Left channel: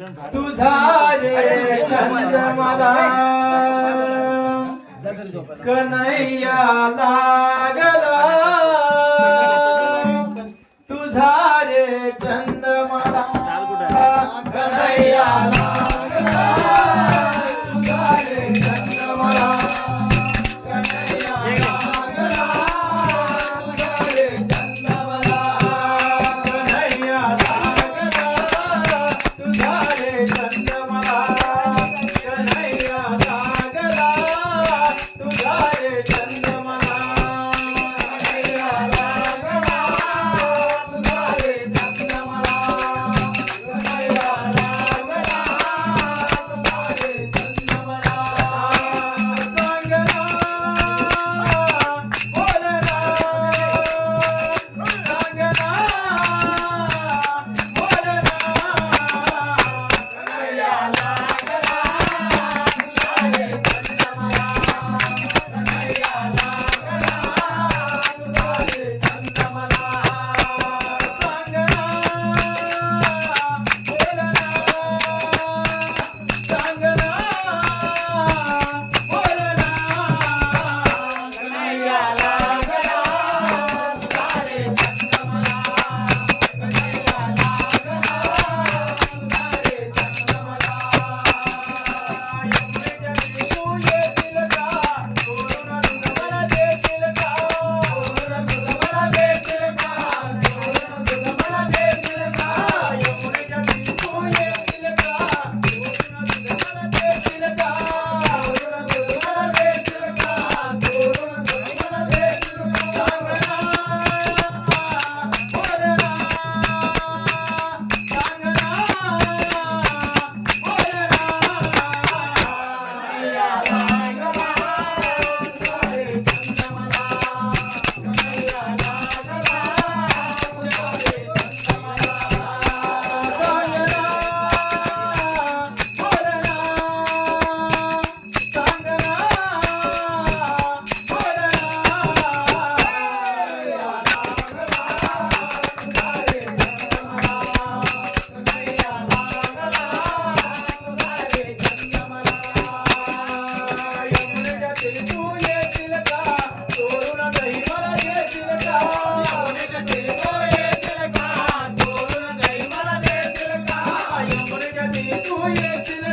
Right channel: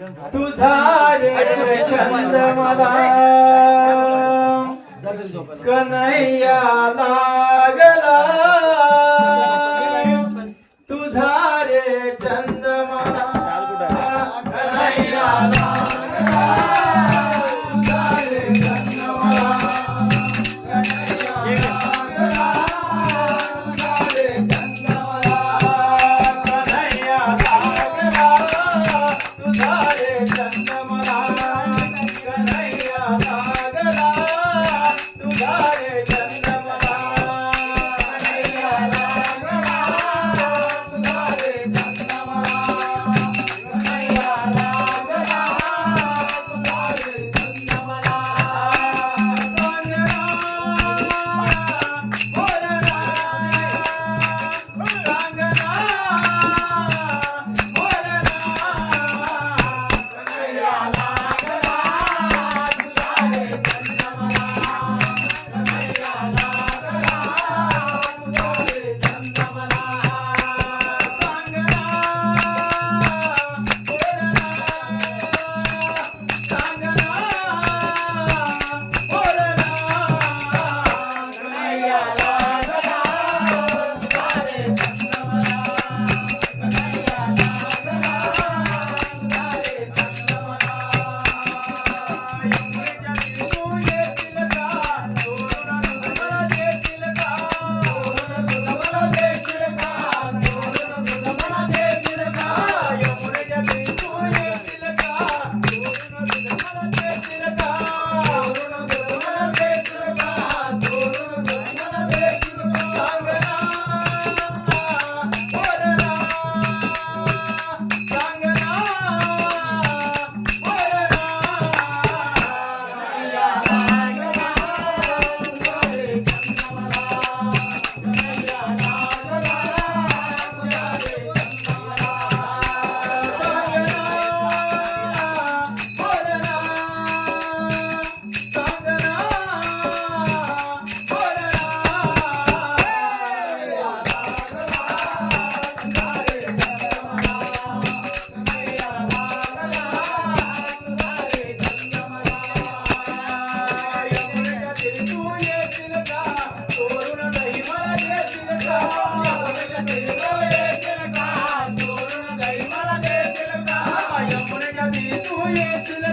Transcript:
तुझा रे छंद मला कन्हैया लागला तुझा रे छंद मला कन्हैया लागला तुझा रे छंद मला कन्हैया लागला तुझा रे छंद मला कन्हैया लागला तुझा रे छंद मला कन्हैया लागला तुझा रे छंद मला कन्हैया लागला तुझा रे छंद मला कन्हैया लागला तुझा रे छंद मला सांगना बोलना सांगना बोलना कन्हैया लागला तुझा रे छंद मला कन्हैया लागला तुझा रे छंद मला सांगना बोलना सांगना बोलना कन्हैया लागला तुझा रे छंद मला कन्हैया लागला तुझा रे छंद मला तू येतील का तोरण मला देतील का तोरण मला देतील का तोरण मला देतील का एवढे जगी तू येतील का तोरण मला देतील का तोरण मला देतील का तोरण मला देतील का सांगना बोलना सांगना बोलना कन्हैया लागला तुझा रे छंद मला कन्हैया लागला तुझा रे छंद मला सांगना बोलना सांगना बोलना कन्हैया लागला तुझा रे छंद मला कन्हैया लागला तुझा रे छंद मला एवढे जगी तू येतील का तोरण दही मला देतील का एवढे जगी तू येतील का तोरण दही मला देतील का एवढे जगी तू येतील